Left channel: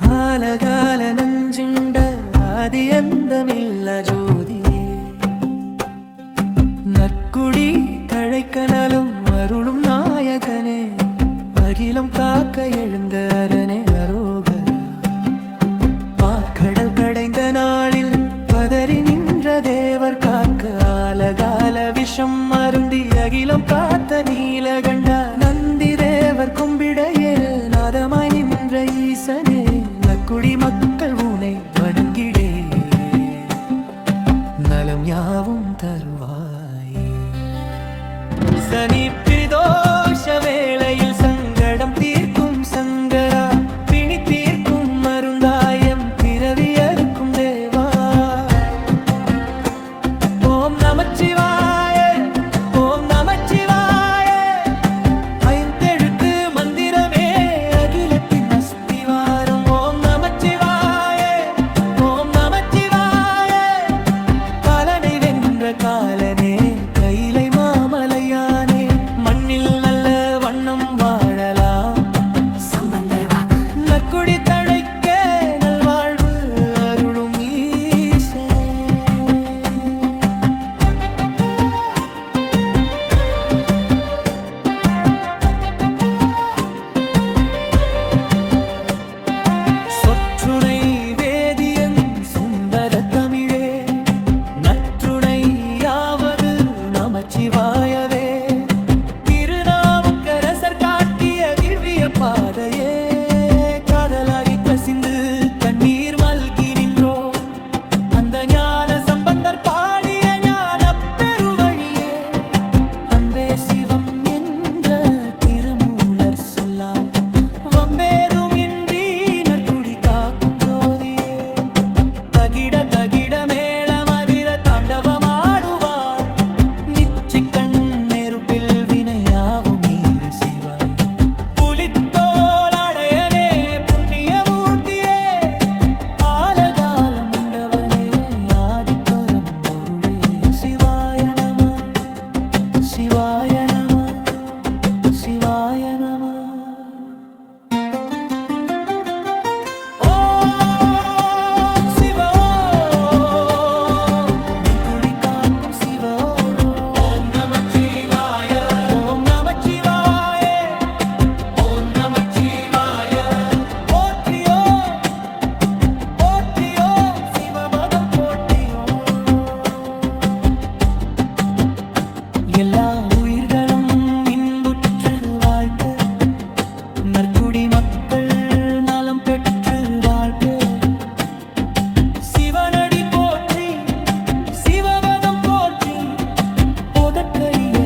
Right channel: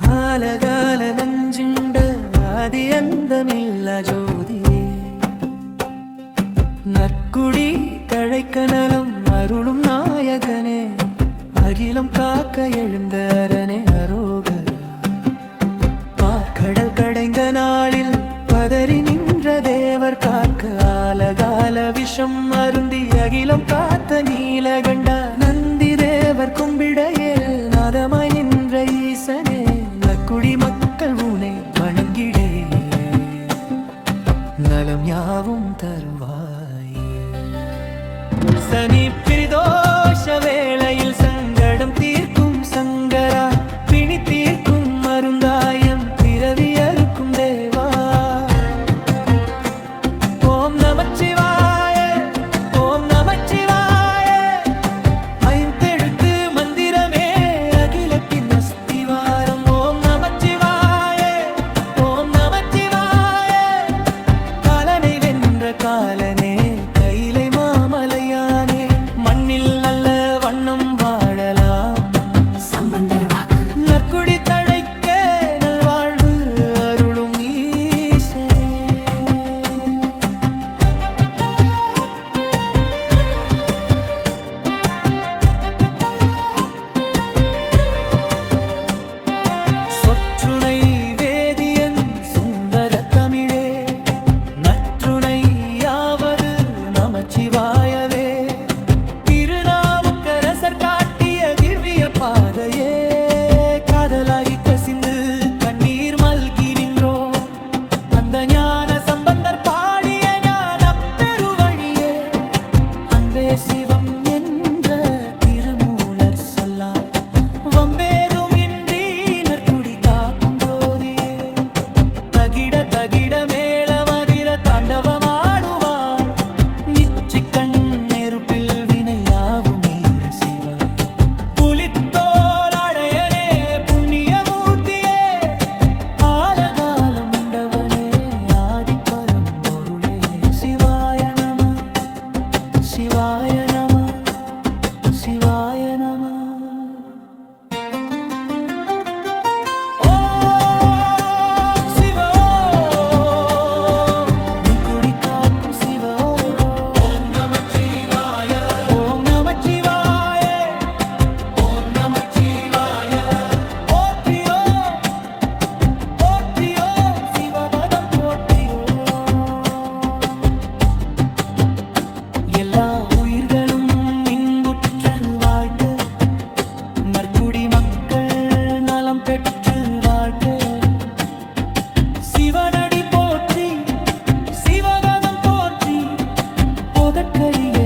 കാലകാല നെഞ്ചുണ്ട് ആദിയന്തമില്ല ജ്യോതിയെ നക്കുടി കഴക്കനലും അരുളും നായകനെ അഖിലം കാക്ക എഴുന്തരനെ അരോഗ கடல் கடைந்த நாளில் பதறி நின்ற தேவர் காக்க ஆலகால விஷம் அருந்தி அகிலம் காத்த நீலகண்டா நந்தி தேவர் கும்பிடையே நாதமாய் நின்ற ஈசனே நக்குடி மக்கள் உனை வணங்கிடே. நலம் யாவும் தருவாய். சனி பிரதோஷ வேளையில் சங்கடம் தீர்க்கும் சங்கரா நமச்சிவாய. ஓம் நமச்சிவாய. ஐந்தெழுத்து மந்திரமே அகிலத்தின் அஸ்திவாரம். ஓம் நமச்சிவாய. ஓம் நமச்சிவாய. கலனை வென்ற காலனே கைலை மாமலையான. பாதையே காதலாகி கசிந்து கண்ணீர் மல்கி நின்றோ. அந்த ஞான சம்பந்தர் பாடிய ஞான பெருவழியே. அன்பே சிவம் என்ற திருமூலர் சொல்லால் வம்பேதும் இன்றி நற்குடி காக்கும் ஜோதியே. தகிட தகிட மேள மதிர தாண்டவமாடுவார். நிச்சிக்கண் நெருப்பில் You Shiva. நற்குடி மக்கள் நலம் பெற்று வாழ்க. சிவனடி போற்றி சிவபதம் போற்றி போதற்கரிய